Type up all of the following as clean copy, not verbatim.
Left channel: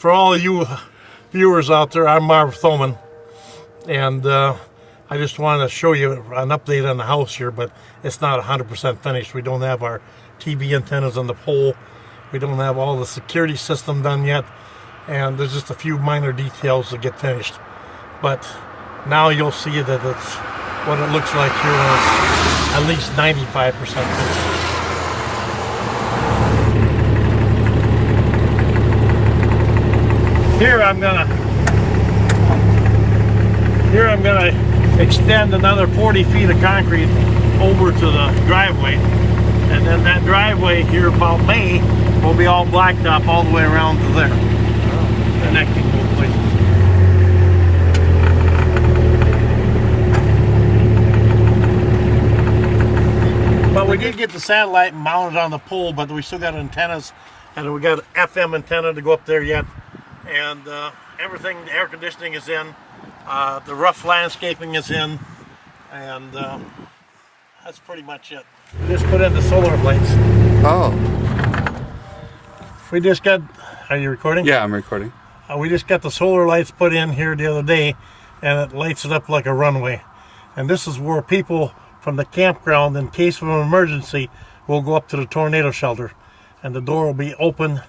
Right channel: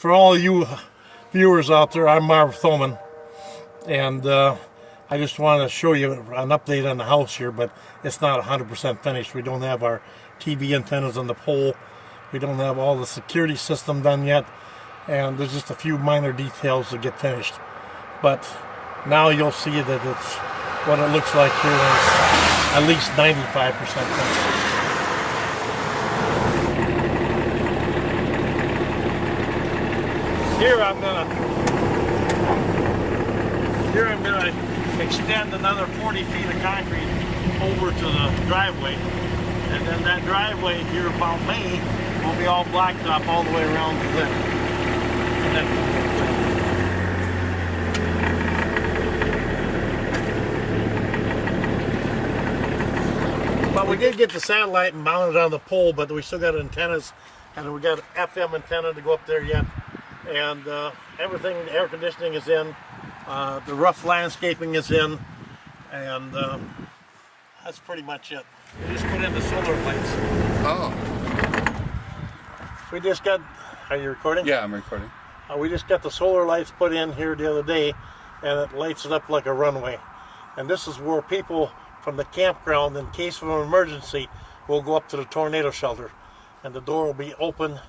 For all you viewers out there, I'm Marv Thoman, and I just wanted to show you an update on the house here, but it's not 100% finished. We don't have our TV antennas on the pole. We don't have all the security system done yet, and there's just a few minor details to get finished. But now you'll see that it's what it looks like here when it's at least 95% finished. Here I'm gonna extend another 40 feet of concrete over to the driveway, and then that driveway here about May will be all blacktop all the way around to there. Connecting. But we did get the satellite mounted on the pole, but we still got antennas, and we got an FM antenna to go up there yet. And everything, the air conditioning is in, the rough landscaping is in, and that's pretty much it. We just put in the solar lights. Oh. We just got, are you recording? Yeah, I'm recording. We just got the solar lights put in here the other day, and it lights it up like a runway. And this is where people from the campground, in case of an emergency, will go up to the tornado shelter. And the door will be open,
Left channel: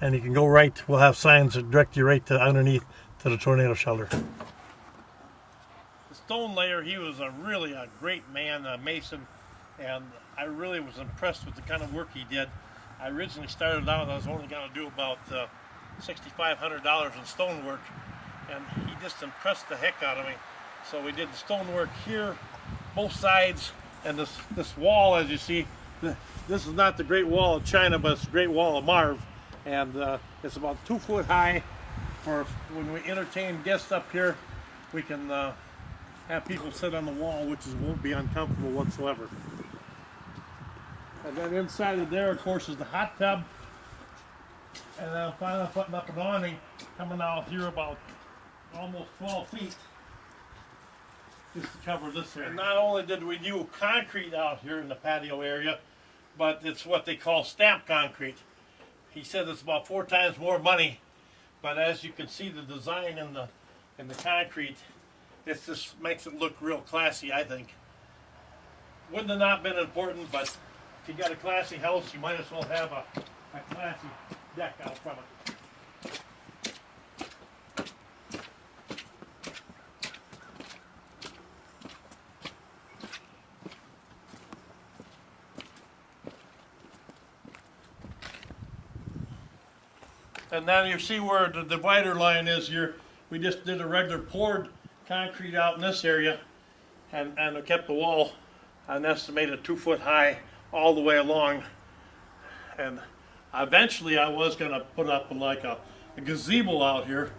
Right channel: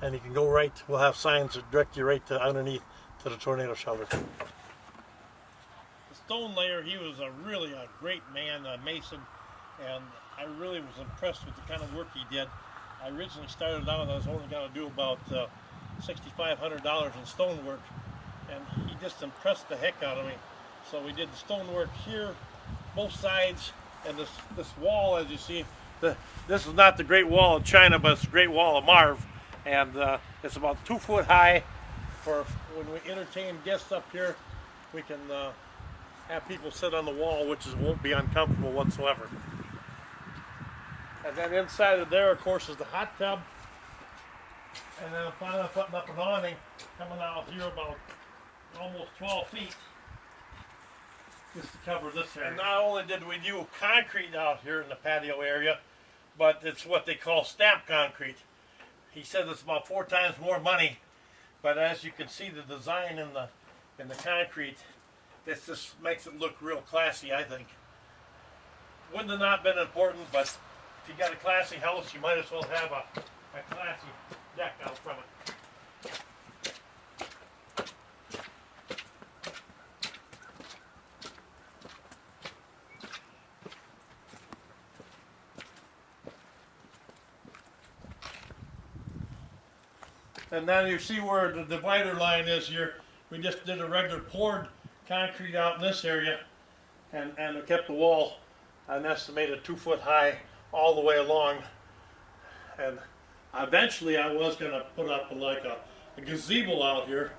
and you can go right, we'll have signs that direct you right to underneath to the tornado shelter. The stone layer, he was really a great man, a mason, and I really was impressed with the kind of work he did. I originally started out, I was only going to do about $6,500 in stonework, and he just impressed the heck out of me. So we did the stonework here, both sides, and this wall, as you see, this is not the Great Wall of China, but it's the Great Wall of Marv. And it's about 2 foot high. For when we entertain guests up here, we can have people sit on the wall, which won't be uncomfortable whatsoever. And then inside of there, of course, is the hot tub. And then finally putting up an awning, coming out here about almost 12 feet, just to cover this area. And not only did we do concrete out here in the patio area, but it's what they call stamped concrete. He said it's about 4 times more money, but as you can see, the design in the concrete, it just makes it look real classy, I think. Wouldn't have not been important, but if you got a classy house, you might as well have a classy deck out from it. And then you see where the divider line is here. We just did a regular poured concrete out in this area, and we kept the wall an estimated 2 foot high all the way along. And eventually I was going to put up like a gazebo out here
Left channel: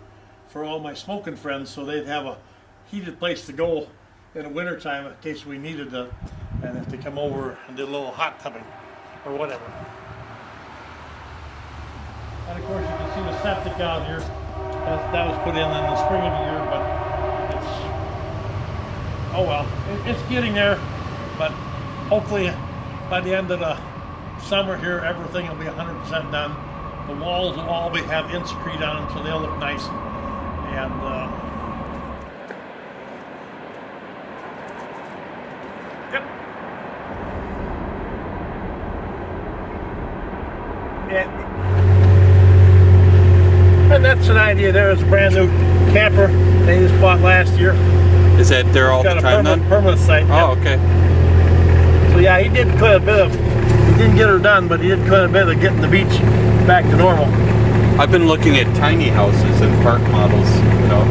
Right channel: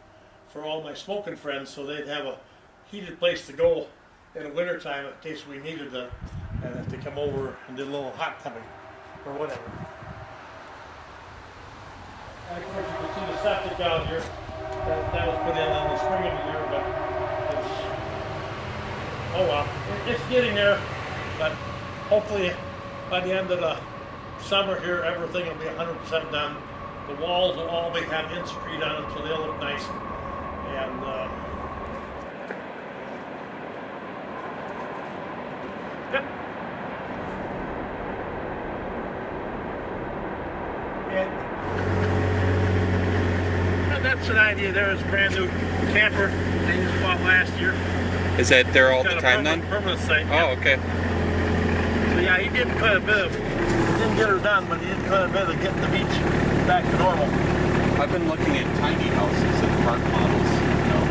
for all my smoking friends, so they'd have a heated place to go in the wintertime in case we needed to, and if they come over and did a little hot tubbing or whatever. And of course you can see the septic out here. That was put in the spring of the year, but it's, oh well, it's getting there. But hopefully by the end of the summer here, everything will be 100% done. The walls will all have Inscrete on them, so they'll look nice. And yep. And that's an idea. There is a brand new camper they just bought last year. Is that there all the time then? Permanent site. Oh, yep. Okay. So yeah, he did quite a bit of, he didn't get her done, but he did quite a bit of getting the beach back to normal. I've been looking at tiny houses and park models, you know.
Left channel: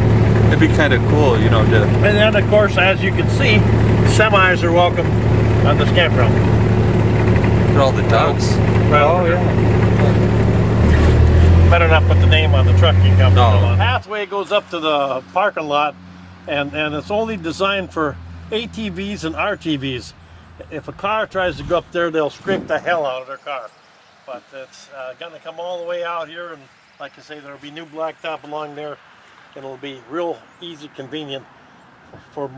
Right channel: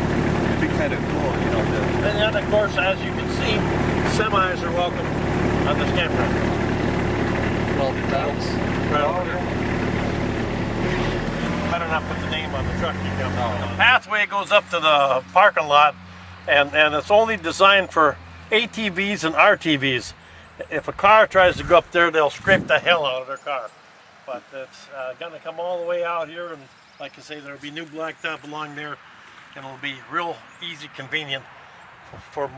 It'd be kind of cool, you know, to... And then of course, as you can see, semis are welcome on this campground. Look at all the ducks. Right. Oh, yeah. Better not put the name on the truck. You can No. The pathway goes up to the parking lot, and it's only designed for ATVs and RTVs. If a car tries to go up there, they'll scrape the hell out of their car. But it's going to come all the way out here, and like I say, there'll be new blacktop along there. It'll be real easy, convenient for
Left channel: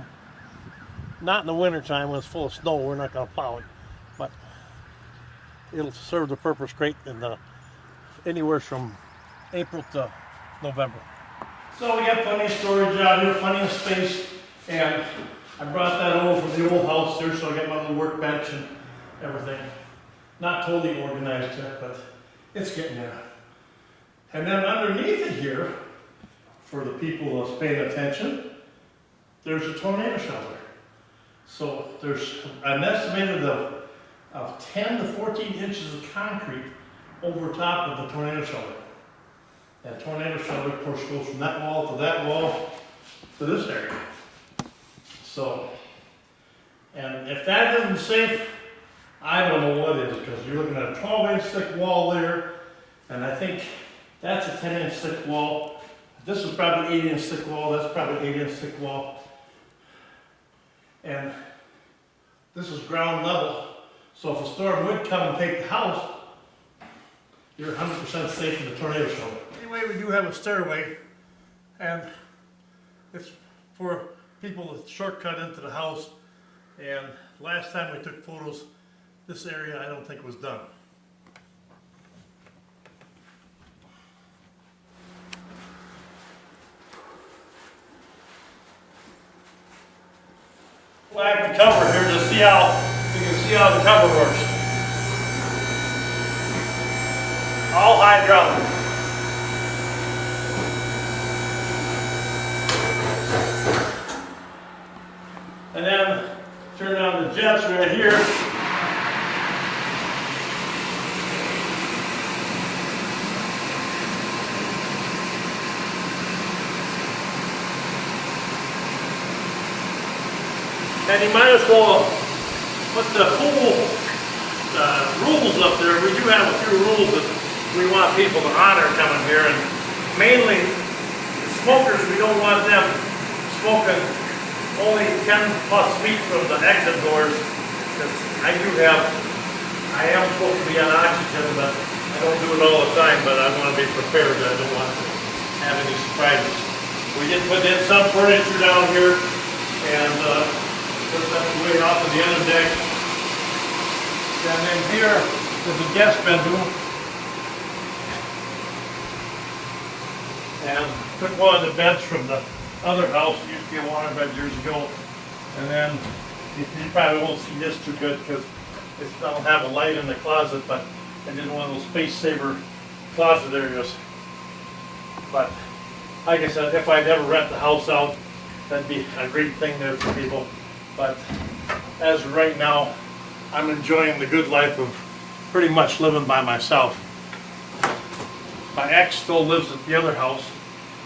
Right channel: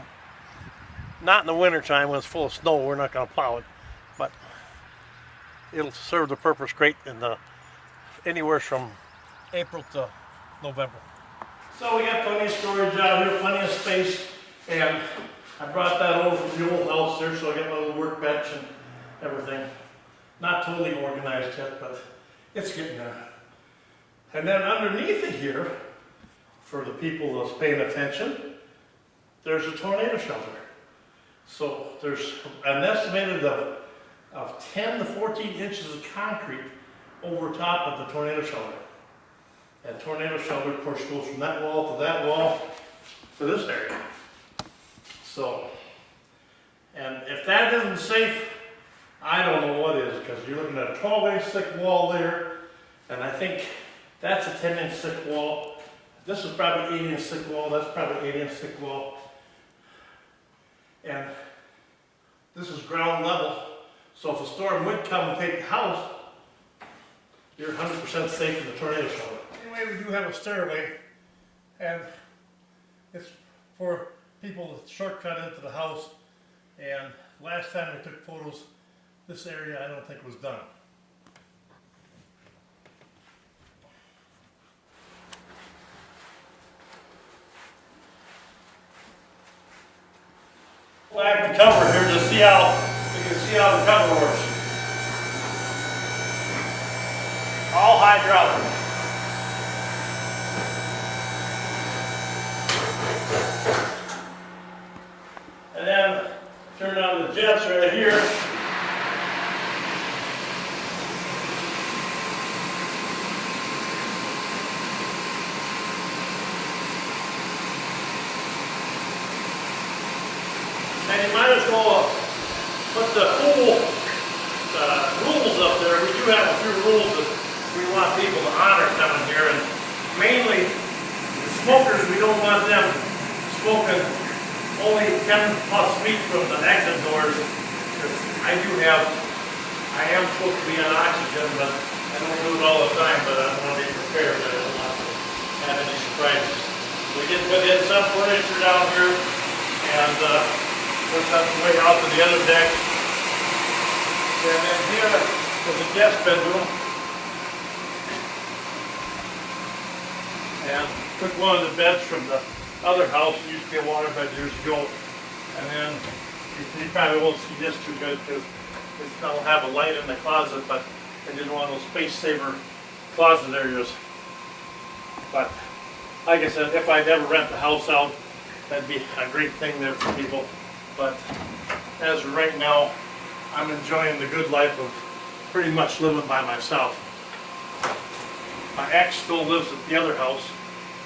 not in the winter time when it's full of snow. We're not going to plow it, but it'll serve the purpose great in the anywhere from April to November. So we got plenty of storage out here, plenty of space, and I brought that over from the old house here, so I got my little workbench and everything. Not totally organized yet, but it's getting there. And then underneath it here, for the people that's paying attention, there's a tornado shelter. So there's an estimated of 10 to 14 inches of concrete over top of the tornado shelter. And tornado shelter, of course, goes from that wall to that wall to this area. So, and if that isn't safe, I don't know what is, because you're looking at a 12-inch thick wall there, and I think that's a 10-inch thick wall. This is probably 8-inch thick wall, that's probably 8-inch thick wall. And this is ground level, so if a storm would come and take the house, you're 100% safe in the tornado shelter. Anyway, we do have a stairway, and it's for people that shortcut into the house. And last time we took photos, this area I don't think was done. Flag the cover here to see how you can see how the cover works. All hydraulic. And then turn on the jets right here. And you might as well put the pool rules up there. We do have a few rules that we want people to honor coming here, and mainly the smokers, we don't want them smoking only 10 plus feet from the exit doors, because I am supposed to be on oxygen, but I don't do it all the time, but I want to be prepared. I don't want to have any surprises. We did put in some furniture down here, and put that way out to the other deck. And then here is a guest bedroom. And took one of the beds from the other house that used to be a waterbed years ago. And then you probably won't see this too good because it don't have a light in the closet, but it didn't want those space saver closet areas. But like I said, if I'd ever rent the house out, that'd be a great thing there for people. But as of right now, I'm enjoying the good life of pretty much living by myself. My ex still lives at the other house,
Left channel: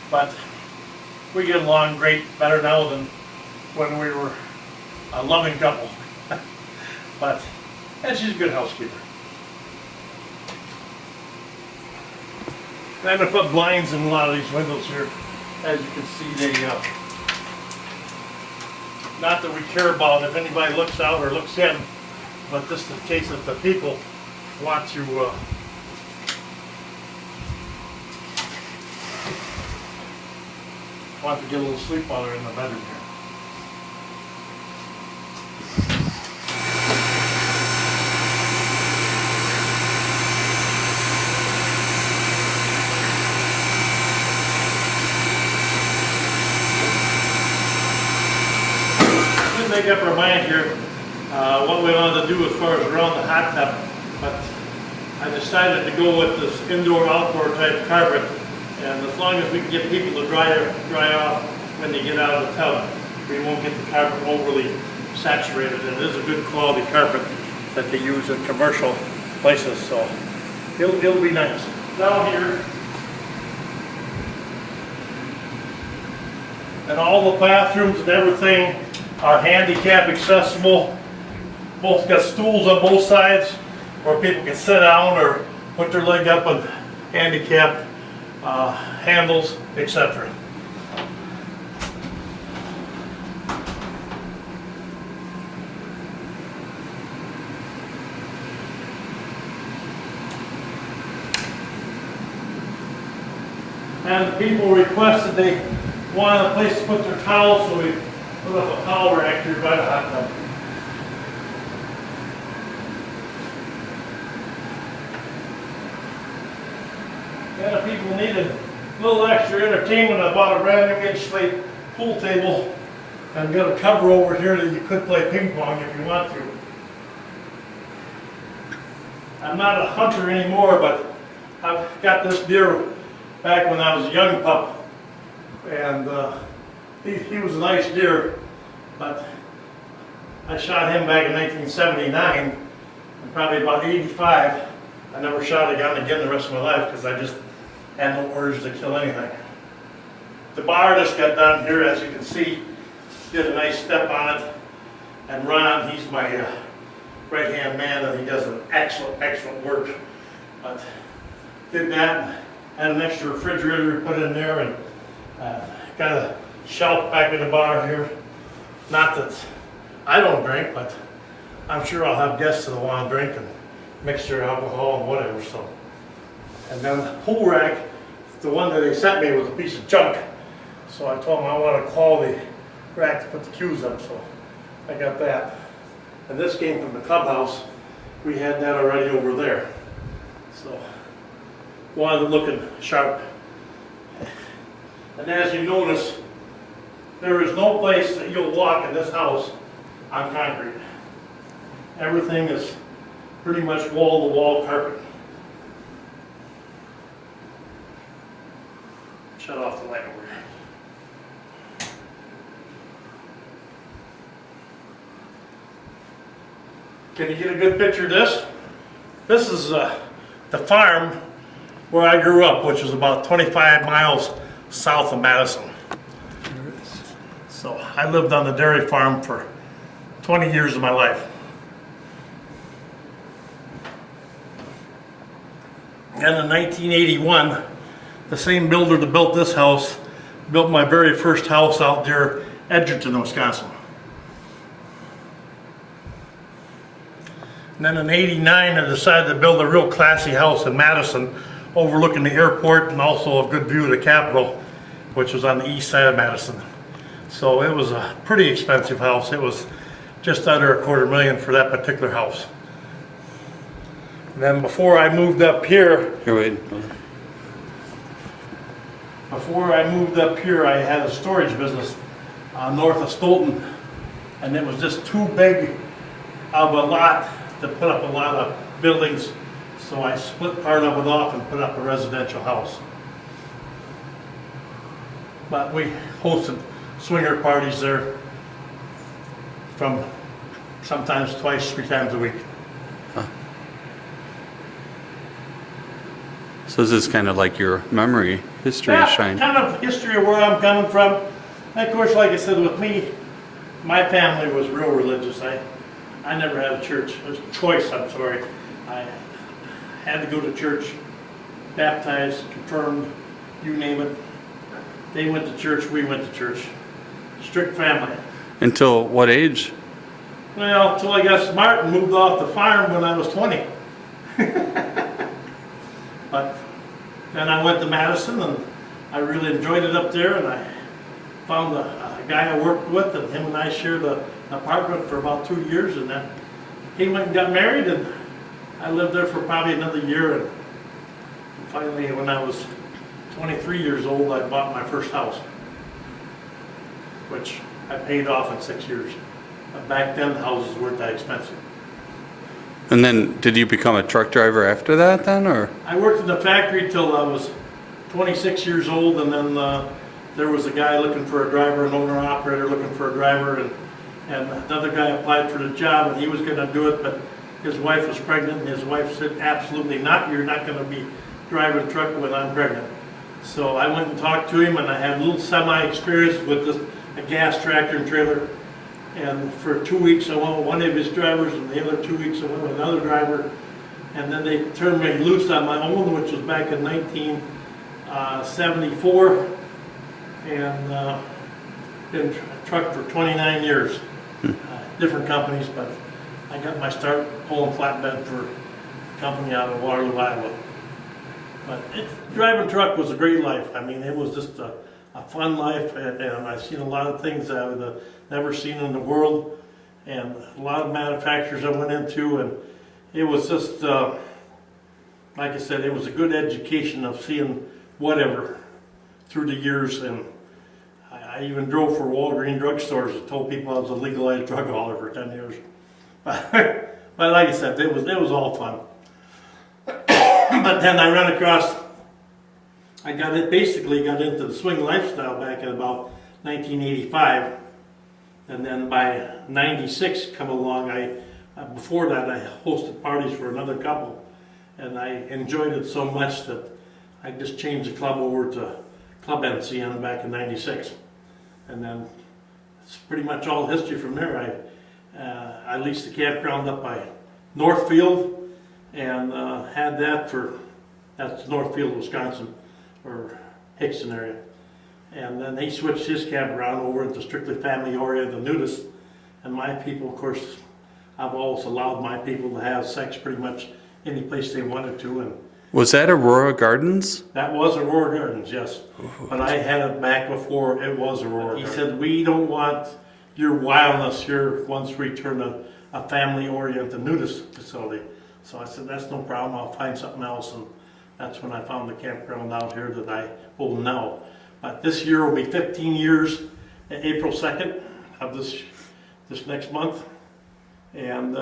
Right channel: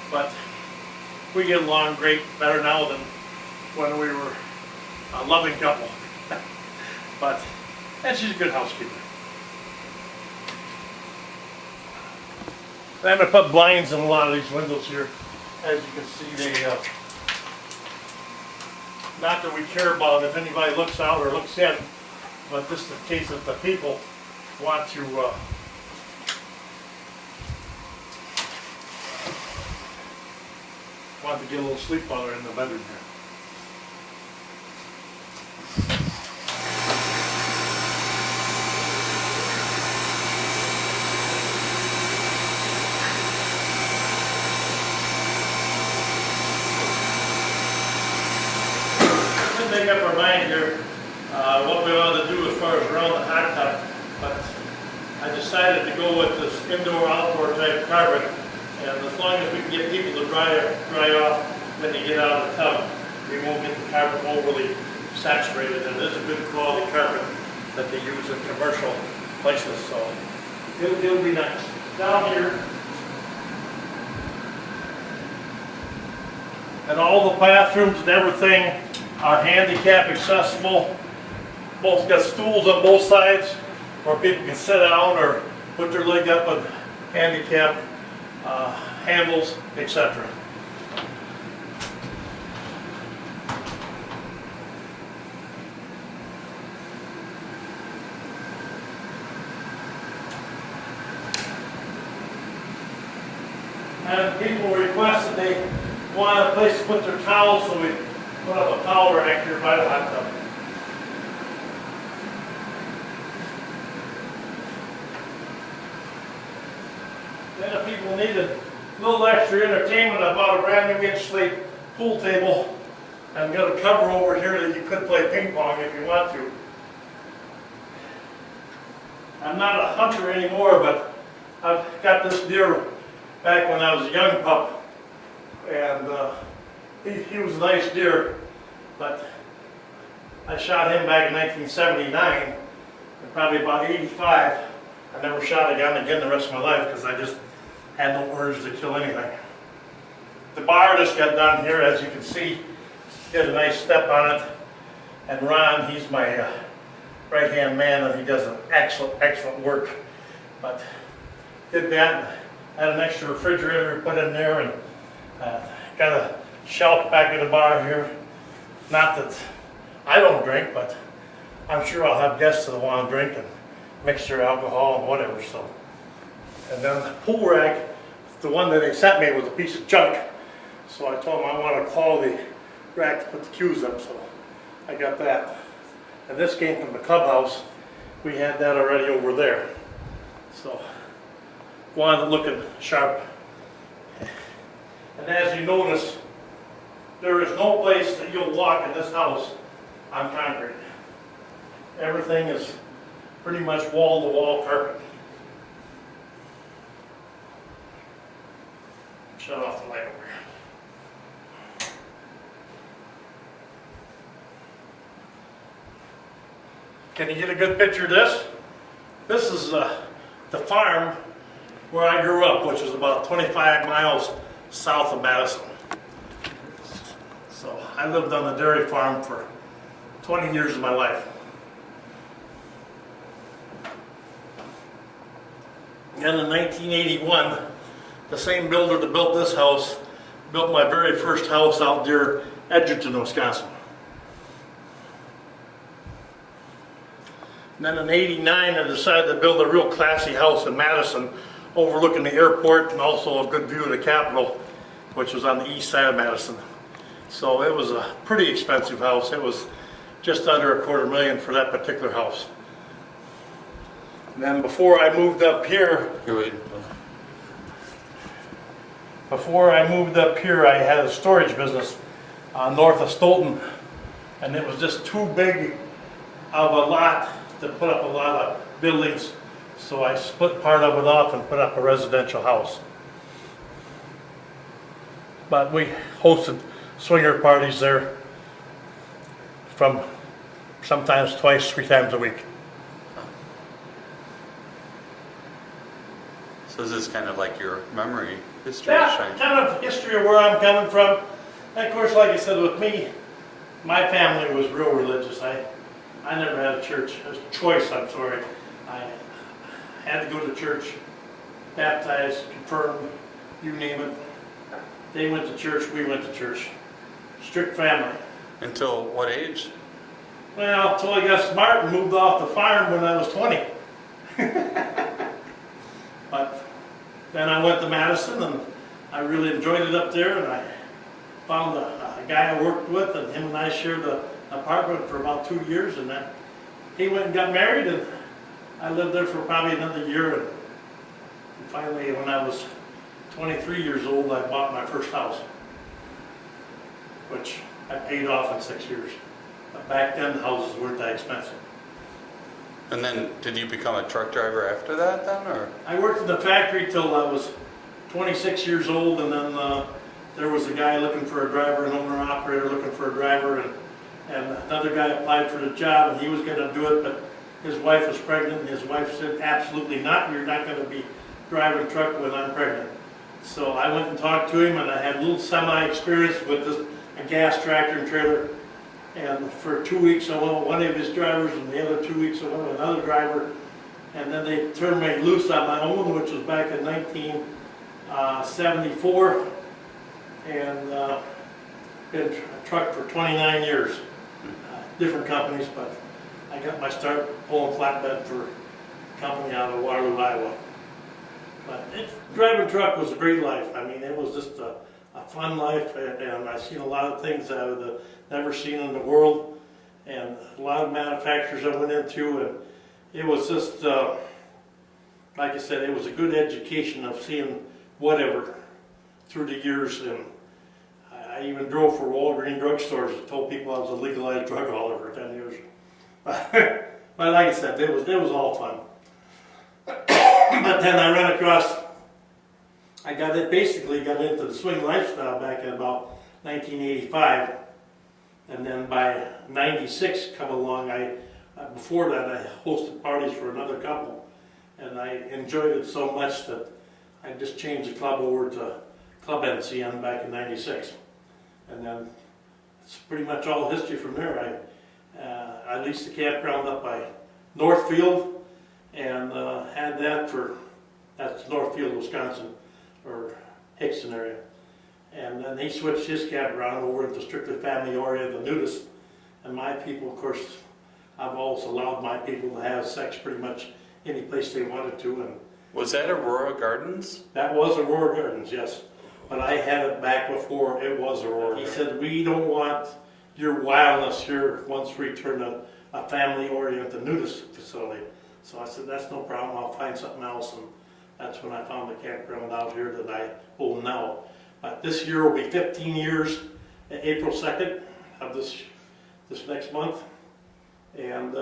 but we get along great, better now than when we were a loving couple. And she's a good housekeeper. And I put blinds in a lot of these windows here. As you can see, they not that we care about if anybody looks out or looks in, but this is the case that the people want to get a little sleep while they're in the bedroom here. Make up our mind here what we wanted to do as far as around the hot tub, but I decided to go with this indoor-outdoor type carpet, and as long as we can get people to dry off when they get out of the tub, we won't get the carpet overly saturated. And it is a good quality carpet that they use in commercial places, so it'll be nice. Down here, and all the bathrooms and everything are handicap accessible. Both got stools on both sides where people can sit down or put their leg up on handicap handles, etc. And people requested they wanted a place to put their towels, so we put up a towel rack here by the hot tub. Then if people needed little extra entertainment. I bought a brand new inch-slate pool table and got a cover over here that you could play ping pong if you want to. I'm not a hunter anymore, but I've got this deer back when I was a young pup, and he was a nice deer, but I shot him back in 1979, and probably about 85, I never shot a gun again the rest of my life because I just had no urge to kill anything. The bar just got done here, as you can see. He had a nice step on it, and Ron, he's my right-hand man, and he does an excellent work. But did that, had an extra refrigerator put in there, and got a shelf back in the bar here. Not that I don't drink, but I'm sure I'll have guests that want to drink and mix their alcohol and whatever. So, and then the pool rack, the one that they sent me was a piece of junk. So I told them I want to call the rack to put the cues up. So I got that. And this came from the clubhouse. We had that already over there. So wanted it looking sharp. And as you notice, there is no place that you'll walk in this house on concrete. Everything is pretty much wall-to-wall carpet. Shut off the light over here. Can you get a good picture of this? This is the farm where I grew up, which is about 25 miles south of Madison. So I lived on the dairy farm for 20 years of my life. And in 1981, the same builder that built this house built my very first house out there, Edgerton, Wisconsin. And then in '89, I decided to build a real classy house in Madison, overlooking the airport and also a good view of the Capitol, which was on the east side of Madison. So it was a pretty expensive house. It was just under $250,000 for that particular house. And then before I moved up here, I had a storage business north of Stoughton, and it was just too big of a lot to put up a lot of buildings, so I split part of it off and put up a residential house. But we hosted swinger parties there from sometimes twice, 3 times a week. So this is kind of like your memory history shine. Kind of history of where I'm coming from. And of course, like I said, with me, my family was real religious. I never had a church, a choice, I'm sorry. I had to go to church, baptized, confirmed, you name it. They went to church, we went to church. Strict family. Until what age? Well, until I got smart and moved off the farm when I was 20. But then I went to Madison, and I really enjoyed it up there, and I found a guy I worked with, and him and I shared an apartment for about 2 years, and then he went and got married, and I lived there for probably another year, and finally when I was 23 years old, I bought my first house, which I paid off in 6 years. But back then, the houses weren't that expensive. And then, did you become a truck driver after that then, or? I worked in the factory till I was 26 years old, and then there was a guy looking for a driver, an owner-operator looking for a driver, and another guy applied for the job, and he was going to do it, but his wife was pregnant, and his wife said, absolutely not, you're not going to be driving a truck when I'm pregnant. So I went and talked to him, and I had a little semi-experience with a gas tractor and trailer. And for 2 weeks I went with one of his drivers, and the other 2 weeks I went with another driver. And then they turned me loose on my own, which was back in 1974. And been a truck for 29 years. Different companies, but I got my start pulling flatbed for a company out of Waterloo, Iowa. But driving truck was a great life. I mean, it was just a fun life, and I've seen a lot of things I would have never seen in the world, and a lot of manufacturers I went into, and it was just, like I said, it was a good education of seeing whatever. through the years, and I even drove for Walgreens drugstores and told people I was a legalized drug hauler for 10 years. But like I said, it was all fun. But then I ran across, basically got into the swing lifestyle back in about 1985, and then by 96 come along. Before that I hosted parties for another couple, and I enjoyed it so much that I just changed the club over to Club NCN back in 96, and then it's pretty much all history from there. I leased the campground up by Northfield, and had that's Northfield, Wisconsin, or Hickson area. And then he switched his campground over into strictly family oriented nudists. And my people, of course, I've always allowed my people to have sex pretty much any place they wanted to. And Was that Aurora Gardens? that was Aurora Gardens, yes. But I had it back before it was Aurora Gardens. He said, we don't want your wildness here once we turn a family-oriented nudist facility. So I said, that's no problem, I'll find something else. And that's when I found the campground out here that I own now. But this year will be 15 years, April 2nd of this next month. And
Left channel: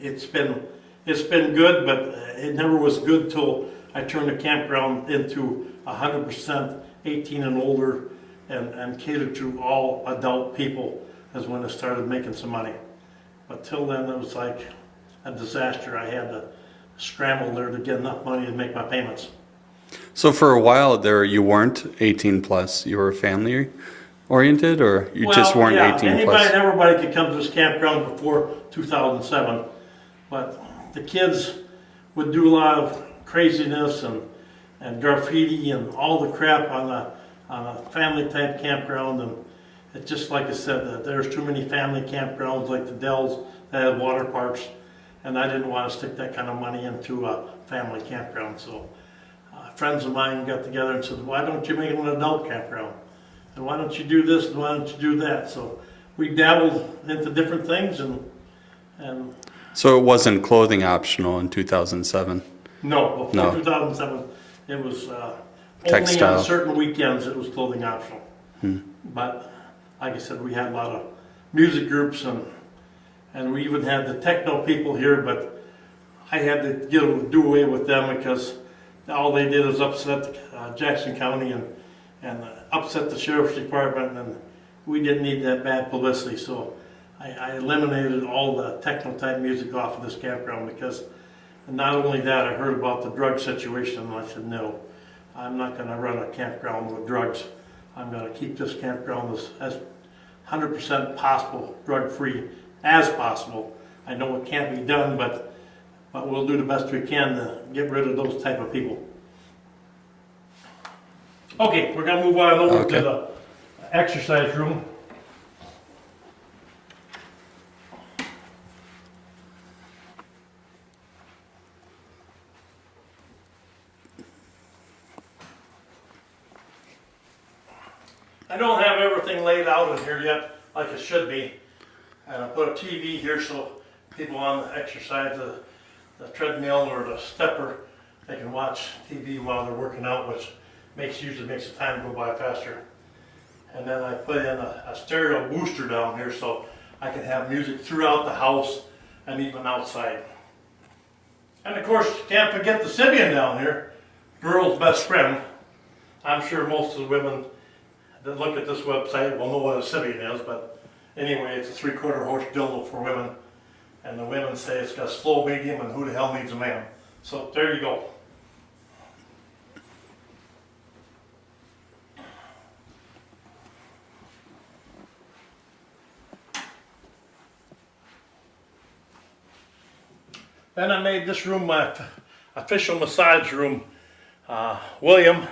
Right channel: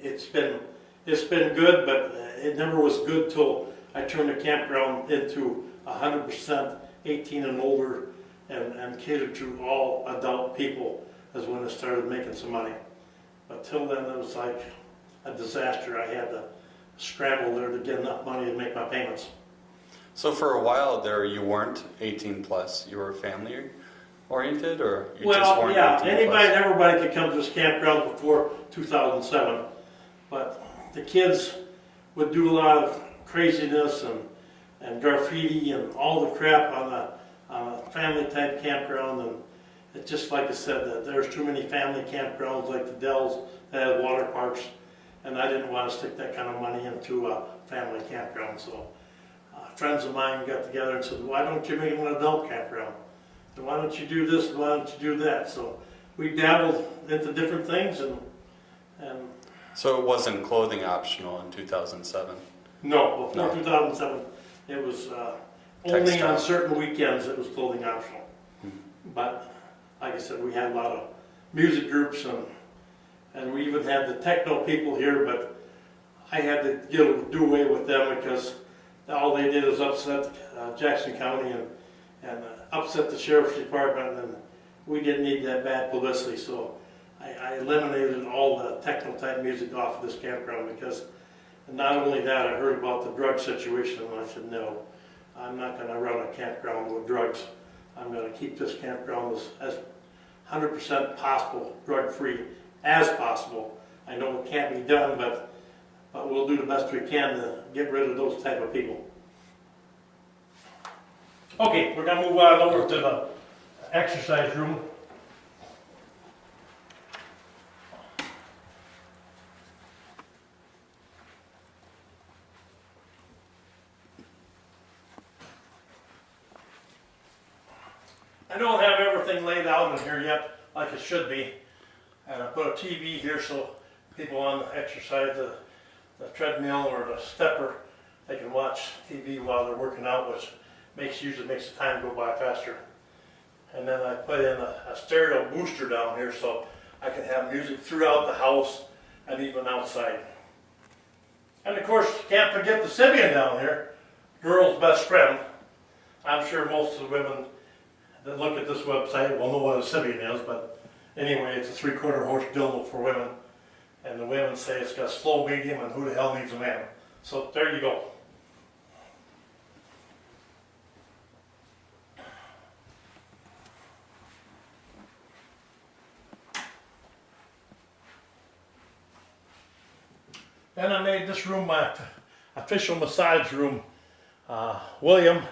it's been good, but it never was good till I turned the campground into 100% 18 and older and catered to all adult people, as when it started making some money. But till then it was like a disaster. I had to scramble there to get enough money to make my payments. So for a while there, you weren't 18 plus. You were family oriented, or you just weren't 18 anybody plus? and everybody could come to this campground before 2007. But the kids would do a lot of craziness and graffiti and all the crap on a family type campground. And it's just like I said, there's too many family campgrounds like the Dells that have water parks. And I didn't want to stick that kind of money into a family campground. So friends of mine got together and said, why don't you make it an adult campground? And why don't you do this and why don't you do that? So we dabbled into different things and So it wasn't clothing optional in 2007? no, before No. 2007 it was only Textile. on certain weekends it was clothing optional. But like I said, we had a lot of music groups and we even had the techno people here, but I had to do away with them because all they did was upset Jackson County and upset the sheriff's department, and we didn't need that bad publicity. So I eliminated all the techno type music off of this campground because not only that, I heard about the drug situation, and I said, no, I'm not going to run a campground with drugs. I'm going to keep this campground as 100% possible, drug free as possible. I know it can't be done, but we'll do the best we can to get rid of those type of people. Okay, we're going to move on over to the exercise room. I don't have everything laid out in here yet like it should be. And I put a TV here so people on the exercise, the treadmill or the stepper, they can watch TV while they're working out, which usually makes the time go by faster. And then I put in a stereo booster down here so I can have music throughout the house and even outside. And of course, can't forget the Sibian down here, girl's best friend. I'm sure most of the women that look at this website will know what a Sibian is, but anyway, it's a 3/4 horse dildo for women. And the women say it's got slow, medium, and who the hell needs a man? So there you go. Then I made this room my official massage room. William,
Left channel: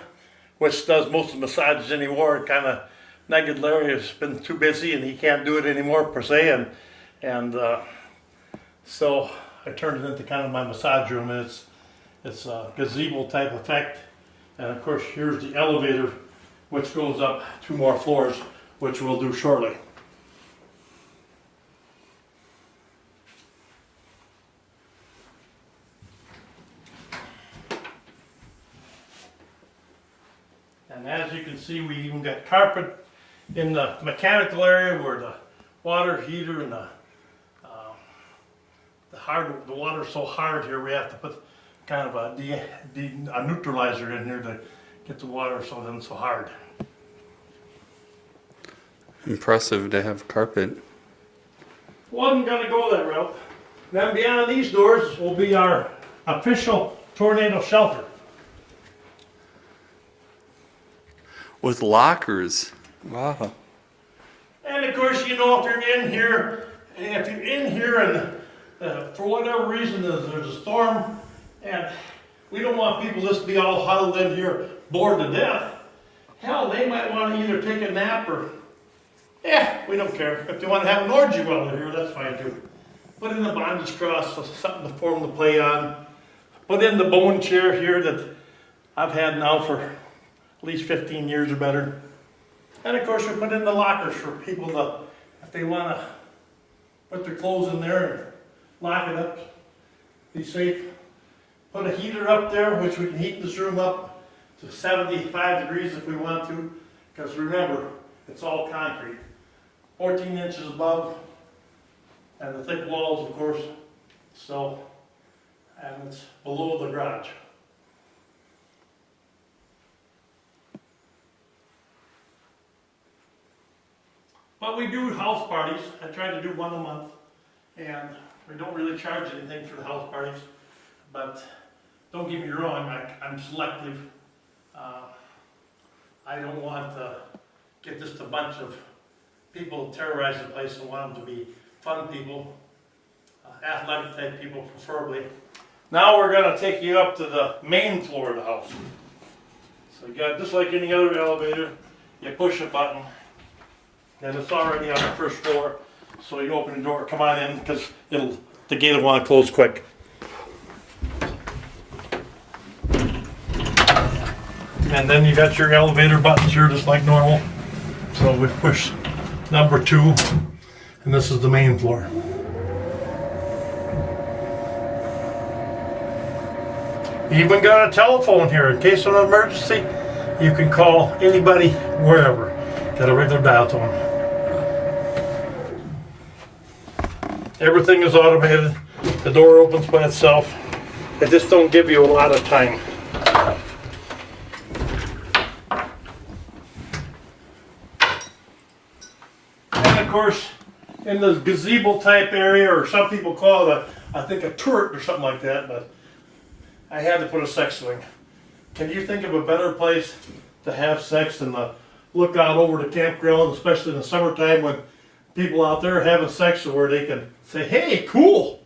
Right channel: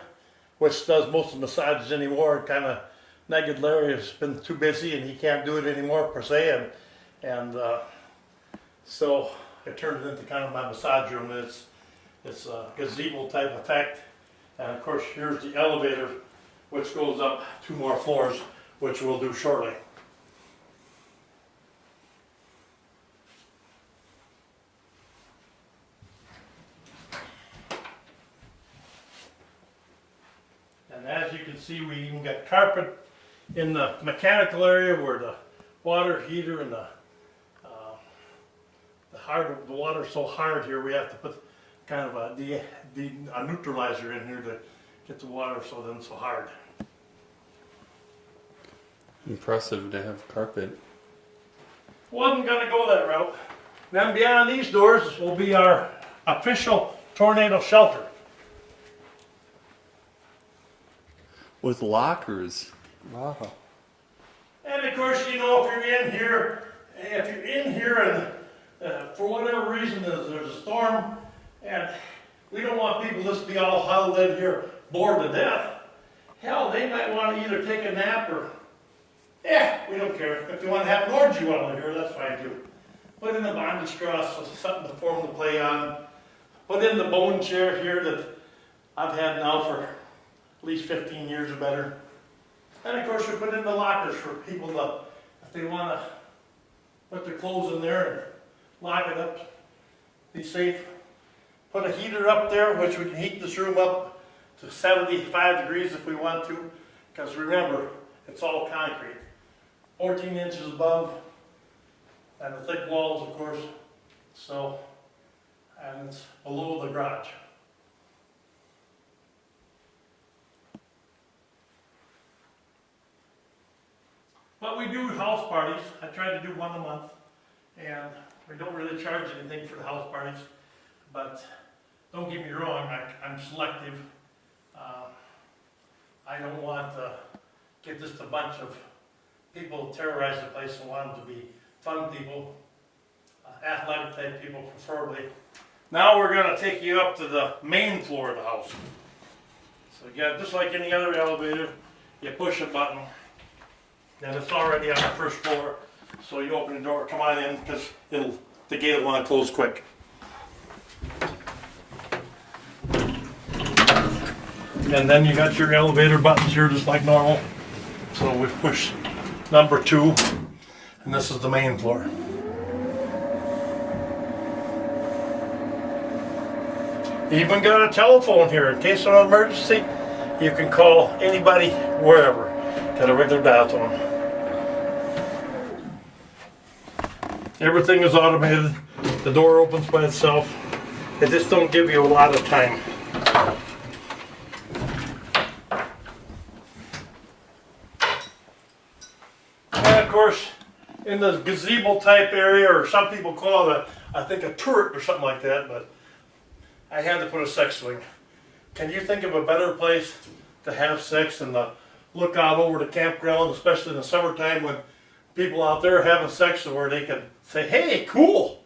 which does most of the massages anymore, and kind of negative Larry has been too busy and he can't do it anymore per se, and so I turned it into kind of my massage room, and it's a gazebo type effect. And of course, here's the elevator, which goes up 2 more floors, which we'll do shortly. And as you can see, we even got carpet in the mechanical area where the water heater and the water's so hard here, we have to put kind of a neutralizer in here to get the water so it isn't so hard. Impressive to have carpet. Wasn't gonna go that route. Then beyond these doors will be our official tornado shelter. With lockers. Wow. And of course, you know, if you're in here and for whatever reason there's a storm, and we don't want people just to be all huddled in here, bored to death. Hell, they might want to either take a nap or, we don't care. If they want to have an orgy while they're here, that's fine too. Put in the bondage cross, so something for them to play on. Put in the bone chair here that I've had now for at least 15 years or better. And of course, we put in the lockers for people to, if they want to put their clothes in there and lock it up, be safe. Put a heater up there, which we can heat this room up to 75 degrees if we want to. Because remember, it's all concrete. 14 inches above, and the thick walls, of course. So, and it's below the garage. But we do house parties. I try to do one a month, and we don't really charge anything for the house parties. But don't get me wrong, I'm selective. I don't want to get just a bunch of people to terrorize the place. I want them to be fun people, athletic type people preferably. Now we're going to take you up to the main floor of the house. So you got, just like any other elevator, you push a button, then it's already on the first floor. So you open the door, come on in, because the gate will want to close quick. And then you got your elevator buttons here just like normal. So we push number 2, and this is the main floor. Even got a telephone here in case of an emergency. You can call anybody wherever. Got a regular dial tone. Everything is automated. The door opens by itself. It just don't give you a lot of time. And of course, in the gazebo type area, or some people call it, I think a turret or something like that, but I had to put a sex swing. Can you think of a better place to have sex than the look out over the campground, especially in the summertime when people out there are having sex, where they can say, hey, cool.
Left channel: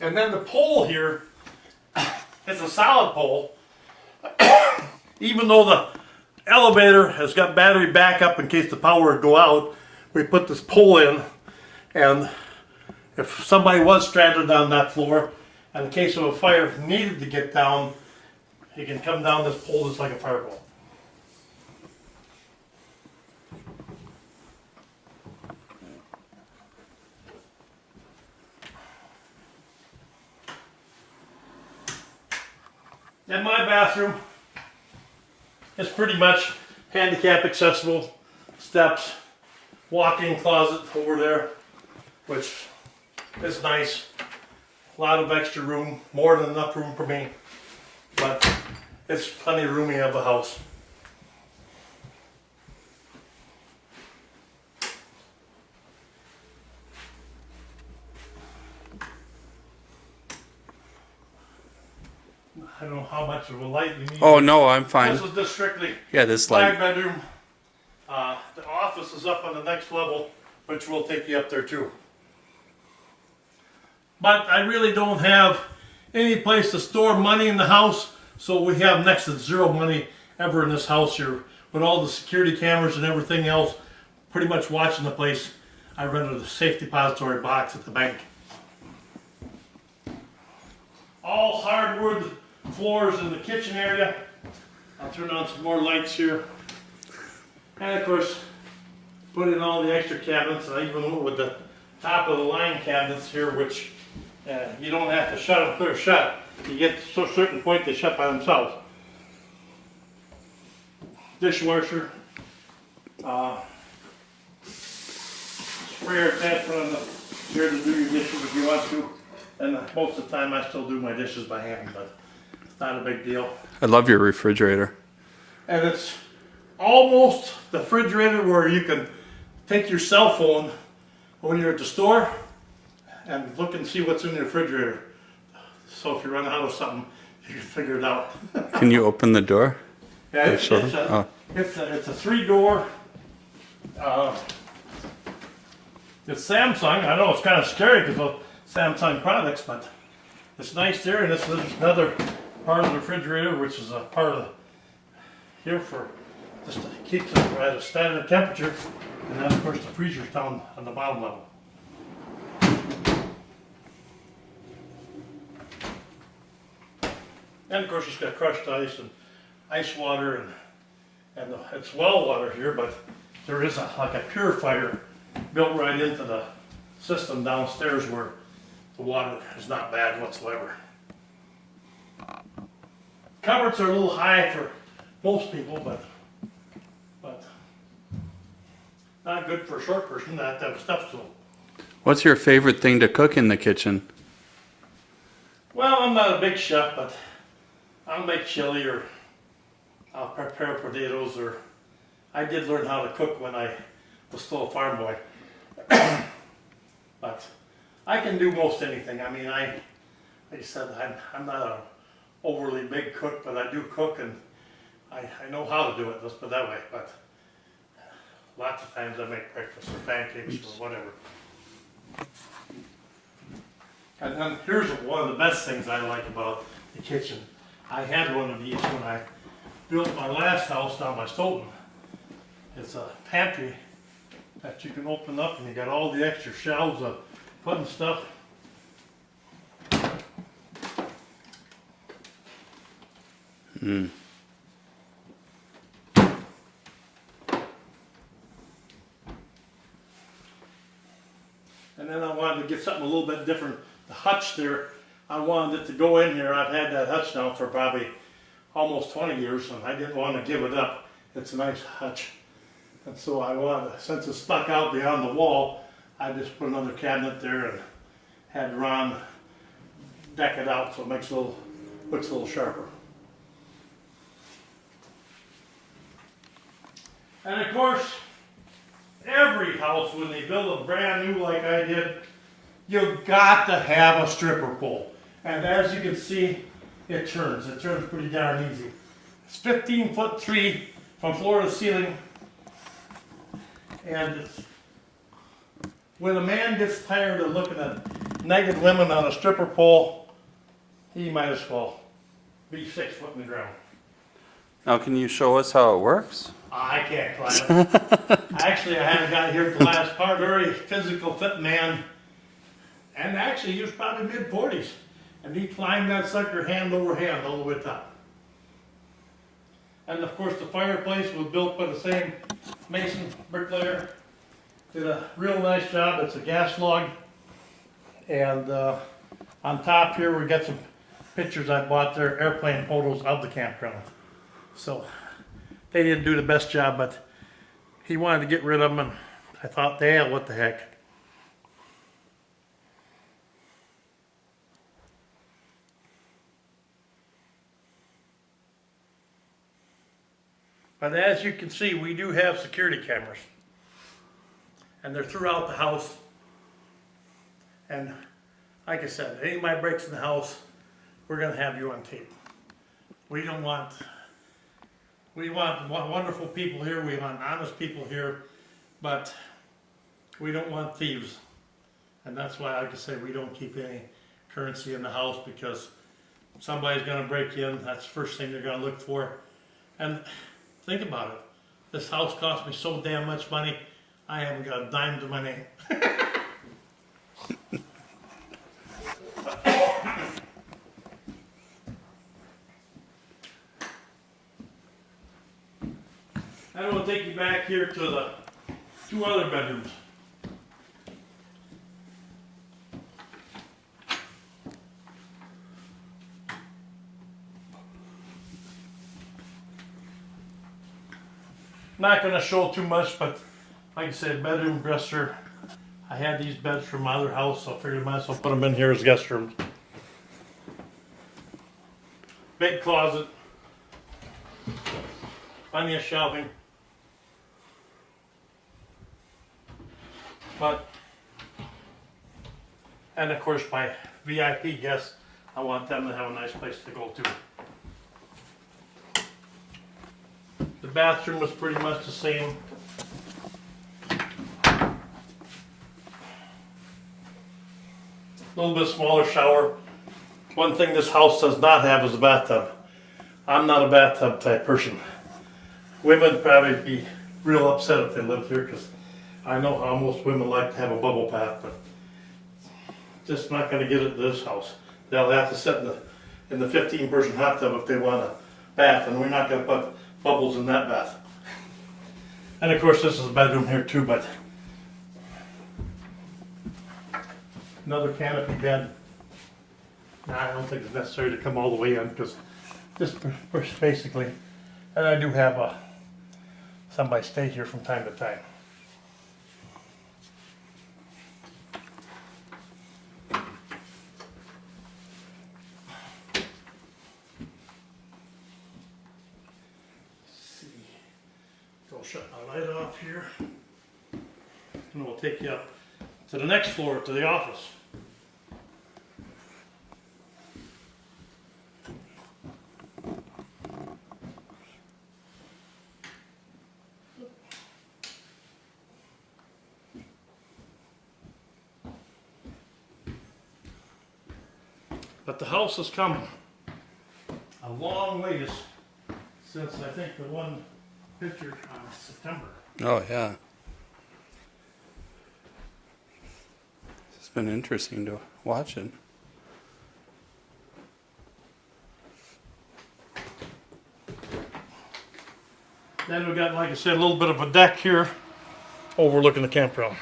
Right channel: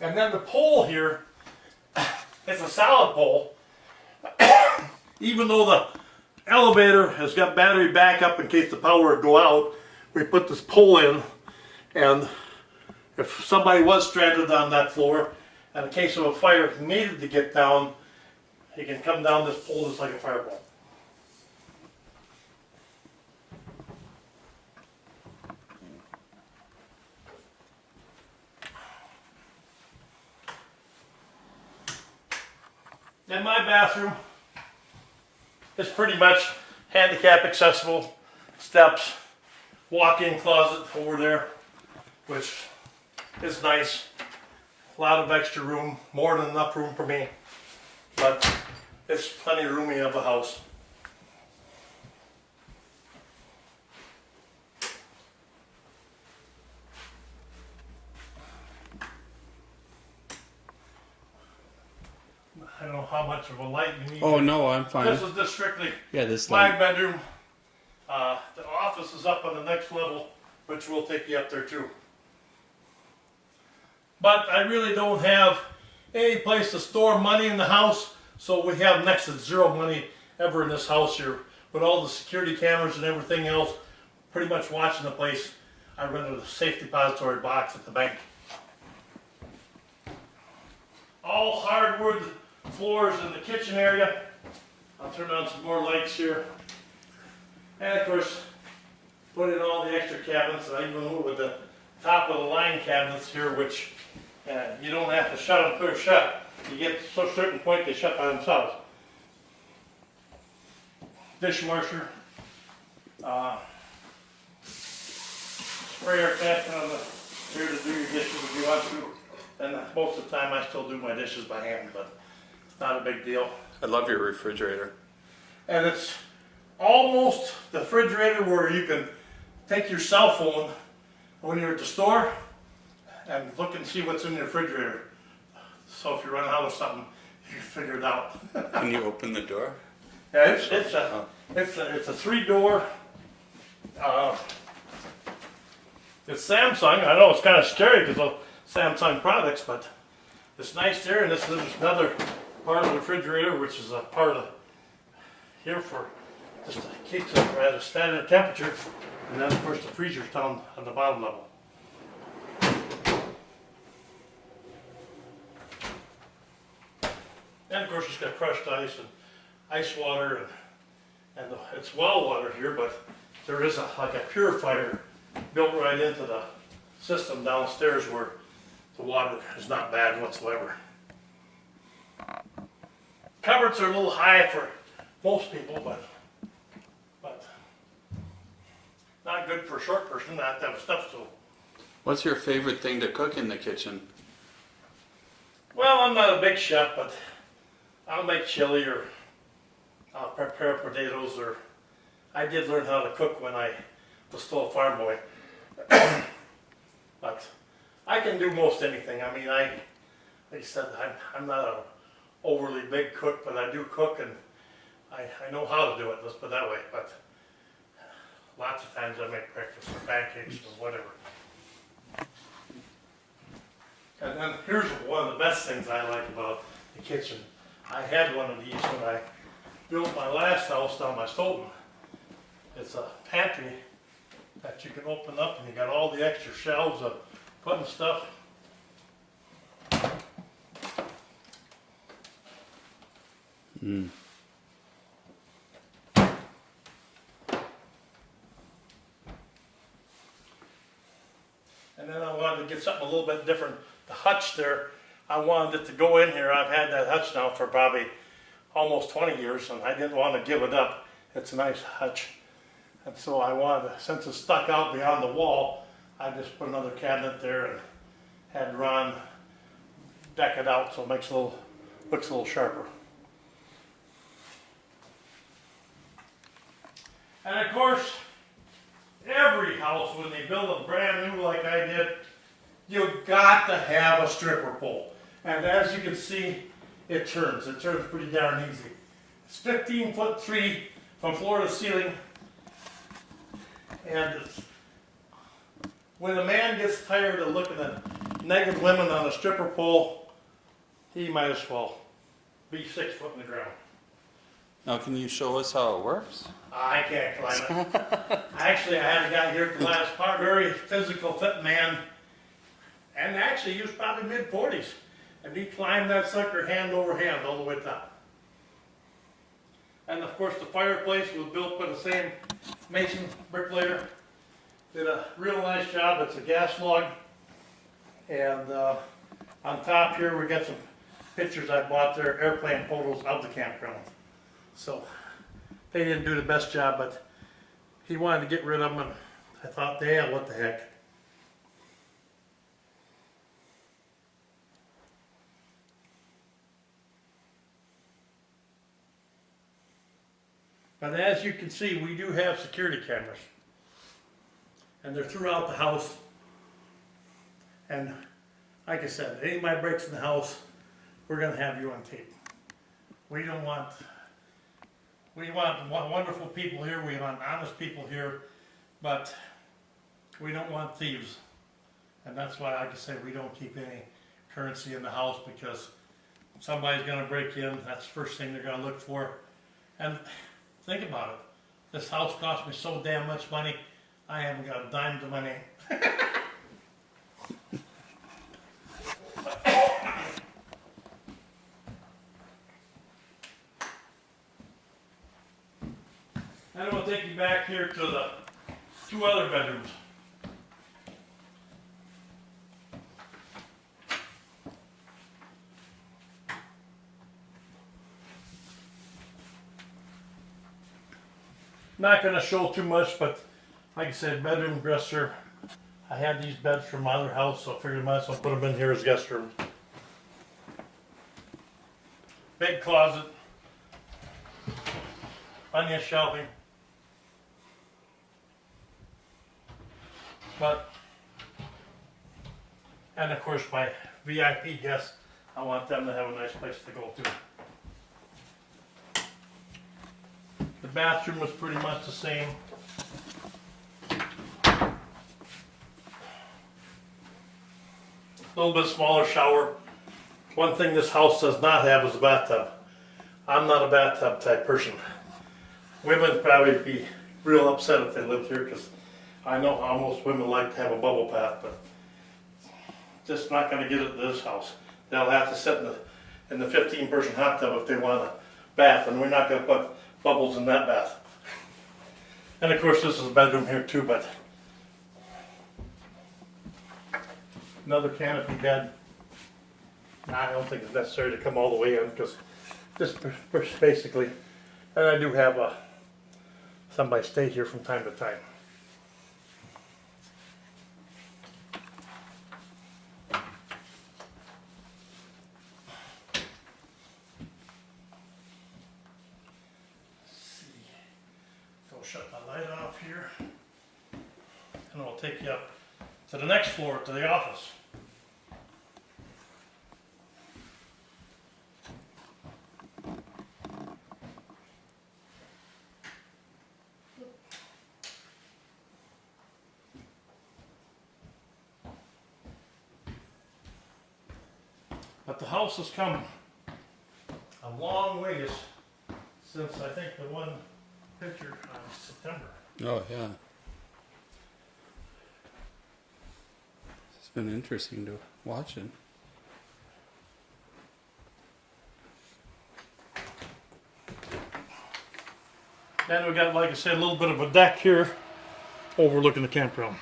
And then the pole here, it's a solid pole. Even though the elevator has got battery backup in case the power would go out, we put this pole in, and if somebody was stranded on that floor, and in case of a fire needed to get down, he can come down this pole just like a firewall. And my bathroom is pretty much handicap accessible. Steps, walk-in closet over there, which is nice. A lot of extra room, more than enough room for me. But it's plenty of room. We have a house. I don't know how much of a light you need. Oh no, I'm fine. This is just strictly this light. 5-bedroom. The office is up on the next level, which will take you up there too. But I really don't have any place to store money in the house, so we have next to zero money ever in this house here. With all the security cameras and everything else, pretty much watching the place, I rented a safe depository box at the bank. All hardwood floors in the kitchen area. I'll turn on some more lights here. And of course, put in all the extra cabinets. I even went with the top of the line cabinets here, which you don't have to shut them clear shut. you get to a certain point, they shut by themselves. Dishwasher, sprayer attachment on the here to do your dishes if you want to. And most of the time I still do my dishes by hand, but it's not a big deal. I love your refrigerator. And it's almost the refrigerator where you can take your cell phone when you're at the store and look and see what's in the refrigerator. So if you run out of something, you can figure it out. Can you open the door? Yeah, it's a 3-door. It's Samsung. I know it's kind of scary because of Samsung products, but it's nice there. And this is another part of the refrigerator, which is a part of here for just to keep it at a standard temperature. And then of course the freezer's down on the bottom level. And of course it's got crushed ice and ice water, and it's well water here, but there is like a purifier built right into the system downstairs where the water is not bad whatsoever. Cupboards are a little high for most people, but not good for a short person not to have a step stool. What's your favorite thing to cook in the kitchen? Well, I'm not a big chef, but I'll make chili, or I'll prepare potatoes, or I did learn how to cook when I was still a farm boy. But I can do most anything. I mean, like I said, I'm not a overly big cook, but I do cook, and I know how to do it, let's put it that way. But lots of times I make breakfast or pancakes or whatever. And then here's one of the best things I like about the kitchen. I had one of these when I built my last house down by Stoughton. It's a pantry that you can open up, and you got all the extra shelves of putting stuff. Mm. And then I wanted to get something a little bit different. The hutch there, I wanted it to go in here. I've had that hutch now for probably almost 20 years, and I didn't want to give it up. It's a nice hutch. And so I wanted, since it's stuck out beyond the wall, I just put another cabinet there and had Ron deck it out so it makes looks a little sharper. And of course, every house, when they build a brand new like I did, you've got to have a stripper pole. And as you can see, it turns. It turns pretty darn easy. It's 15-foot tree from floor to ceiling. And when a man gets tired of looking at naked women on a stripper pole, he might as well be 6 foot in the ground. Now, can you show us how it works? I can't climb it. Actually, I had a guy here at the last part, very physical fit man, and actually he was probably mid-40s, and he climbed that sucker hand over hand all the way top. And of course the fireplace was built by the same mason bricklayer. Did a real nice job. It's a gas log, and on top here we got some pictures I bought there, airplane photos of the campground. So they didn't do the best job, but he wanted to get rid of them, and I thought, yeah, what the heck. But as you can see, we do have security cameras, and they're throughout the house. And like I said, anybody breaks in the house, we're going to have you on tape. We want wonderful people here, we want honest people here, but we don't want thieves. And that's why, like I say, we don't keep any currency in the house, because somebody's going to break in. That's the first thing they're going to look for. And think about it. This house cost me so damn much money, I haven't got a dime to my name. I'm going to take you back here to the 2 other bedrooms. Not going to show too much, but like I said, bedroom dresser. I had these beds from my other house, so I figured I might as well put them in here as guest rooms. Big closet. Plenty of shelving. And of course my VIP guests, I want them to have a nice place to go to. The bathroom was pretty much the same. A little bit smaller shower. One thing this house does not have is a bathtub. I'm not a bathtub type person. Women would probably be real upset if they lived here because I know how most women like to have a bubble bath, but just not going to get it to this house. They'll have to sit in the 15-person hot tub if they want a bath, and we're not going to put bubbles in that bath. And of course, this is a bedroom here too, but another canopy bed. Now, I don't think it's necessary to come all the way in because this basically, and I do have somebody stay here from time to time. Shut my light off here, and we'll take you up to the next floor, to the office. But the house has come a long ways since I think the one picture on September. Oh, yeah. It's been interesting to watch it. Then we got, like I said, a little bit of a deck here overlooking the campground.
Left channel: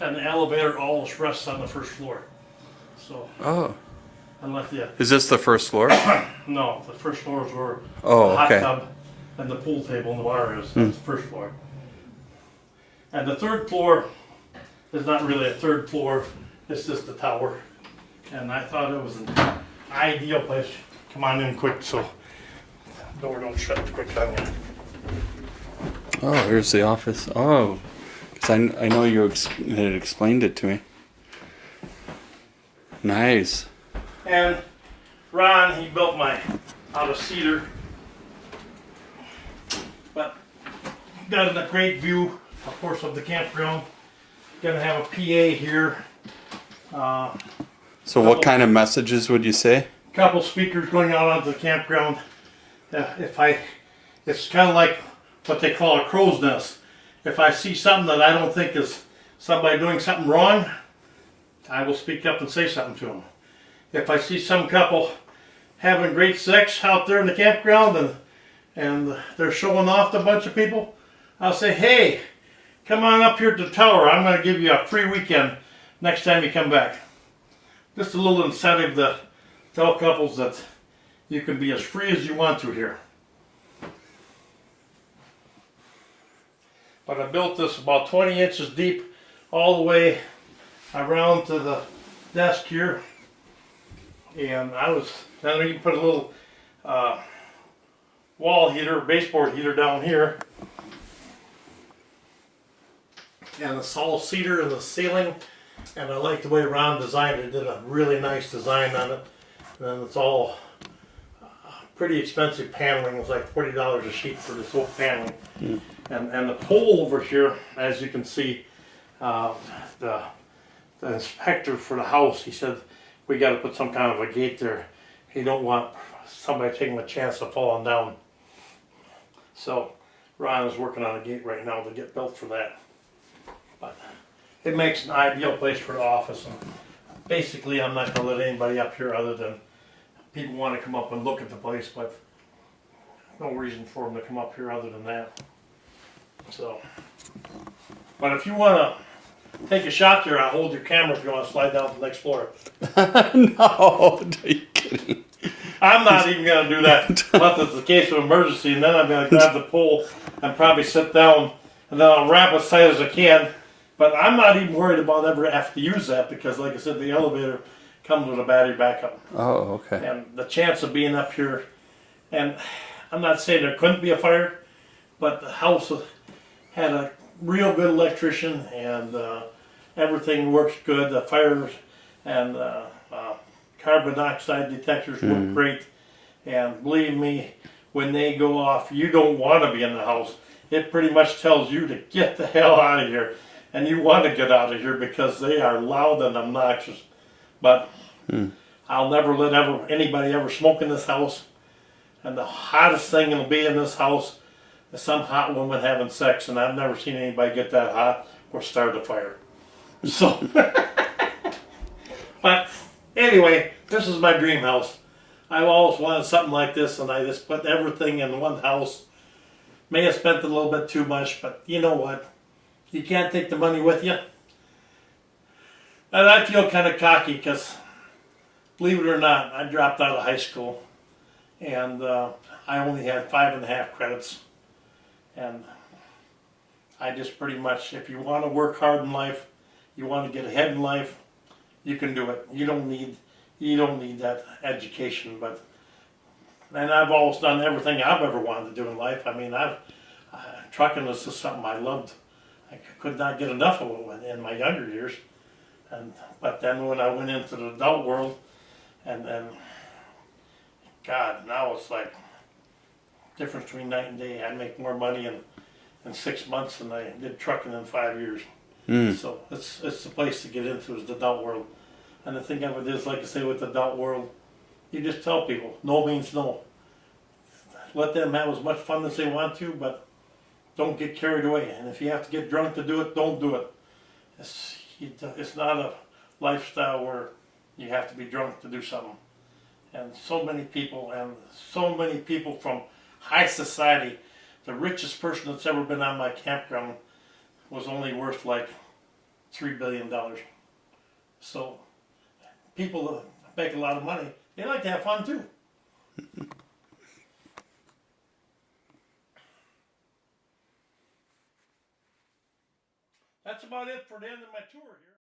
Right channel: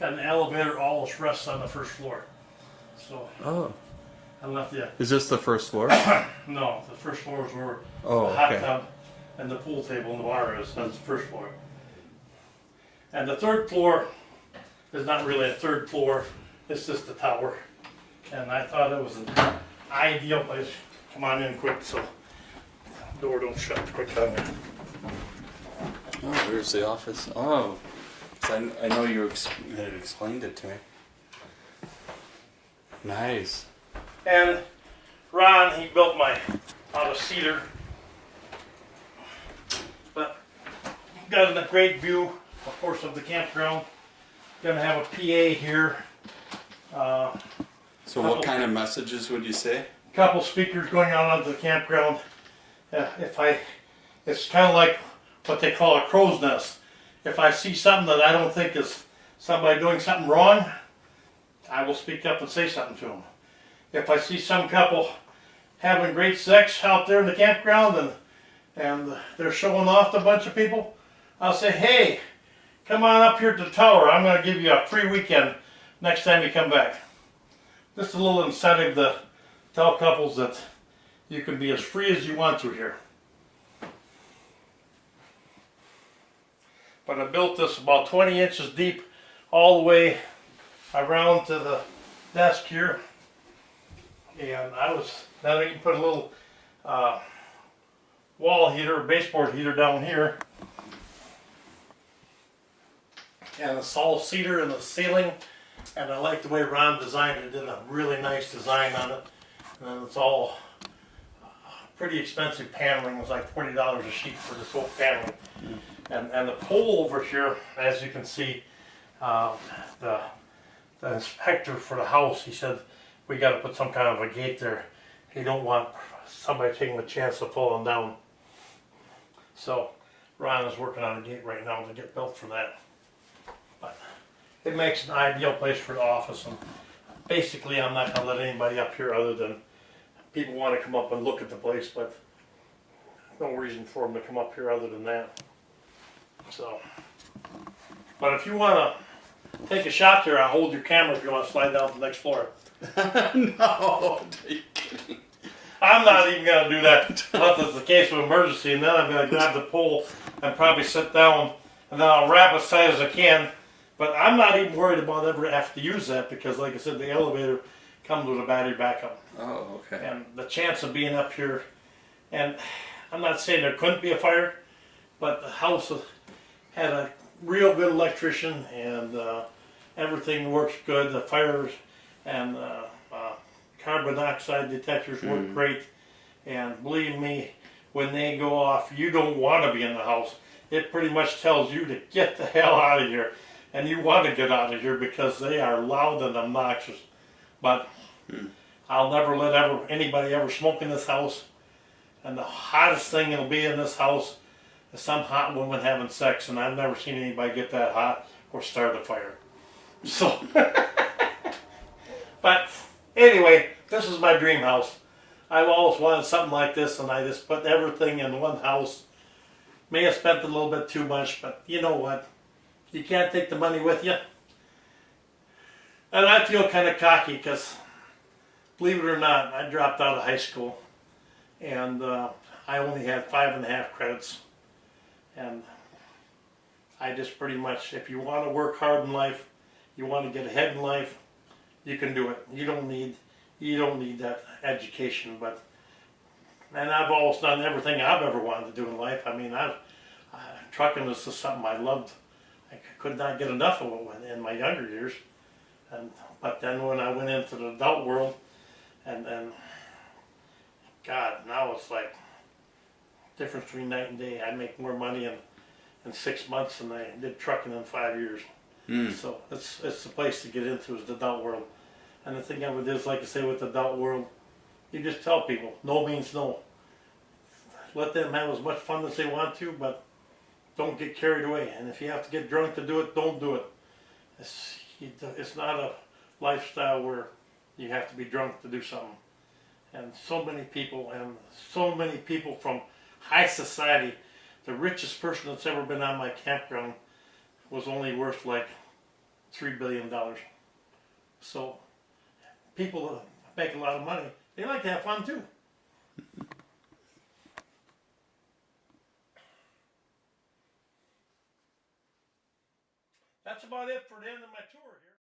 And the elevator always rests on the first floor. So Oh, I left the is this the first floor? no, the first floor is where Oh, the hot okay. tub and the pool table and the bar is. That's the first floor. And the third floor is not really a third floor. It's just the tower. And I thought it was an ideal place. Come on in quick so the door don't shut quick on you. Oh, here's the office. Oh, 'cause I know you had explained it to me. Nice. And Ron, he built my out of cedar. But got a great view, of course, of the campground. Gonna have a PA here. So what kind of messages would you say? Couple speakers going out onto the campground. It's kind of like what they call a crow's nest. If I see something that I don't think is somebody doing something wrong, I will speak up and say something to them. If I see some couple having great sex out there in the campground and they're showing off to a bunch of people, I'll say, hey, come on up here to the tower. I'm going to give you a free weekend next time you come back. Just a little incentive to tell couples that you can be as free as you want to here. But I built this about 20 inches deep all the way around to the desk here. And now you can put a little wall heater, baseboard heater down here. And it's all cedar in the ceiling. And I like the way Ron designed it. Did a really nice design on it. And it's all pretty expensive paneling. It's like $40 a sheet for this whole paneling. Mm. And the pole over here, as you can see, the inspector for the house, he said, we got to put some kind of a gate there. He don't want somebody taking a chance of falling down. So Ron is working on a gate right now to get built for that. But it makes an ideal place for the office. And basically I'm not gonna let anybody up here other than people want to come up and look at the place, but no reason for them to come up here other than that. So, but if you want to take a shot there, I'll hold your camera if you want to slide down to the next floor. No, are you kidding? I'm not even going to do that unless it's the case of emergency, and then I'm going to grab the pole and probably sit down, and then I'll wrap as tight as I can. But I'm not even worried about ever having to use that because, like I said, the elevator comes with a battery backup. Oh, okay. And the chance of being up here, and I'm not saying there couldn't be a fire, but the house had a real good electrician, and everything works good. The fires and carbon dioxide detectors work great. And believe me, when they go off, you don't want to be in the house. It pretty much tells you to get the hell out of here. And you want to get out of here because they are loud and obnoxious. But I'll never let anybody ever smoke in this house. And the hottest thing that'll be in this house is some hot woman having sex. And I've never seen anybody get that hot or start a fire. So, but anyway, this is my dream house. I've always wanted something like this, and I just put everything in one house. May have spent a little bit too much, but you know what? You can't take the money with you. And I feel kind of cocky because, believe it or not, I dropped out of high school, and I only had 5.5 credits. And I just pretty much, if you want to work hard in life, you want to get ahead in life, you can do it. You don't need that education, and I've always done everything I've ever wanted to do in life. I mean, trucking was just something I loved. I could not get enough of it in my younger years, but then when I went into the adult world, and God, now it's like difference between night and day. I make more money in 6 months than I did trucking in 5 years. So it's the place to get into is the adult world. And the thing of it is, like I say, with the adult world, you just tell people, no means no. Let them have as much fun as they want to, but don't get carried away. And if you have to get drunk to do it, don't do it. It's not a lifestyle where you have to be drunk to do something. And so many people from high society, the richest person that's ever been on my campground was only worth like $3 billion. So people that make a lot of money, they like to have fun too. That's about it for the end of my tour here.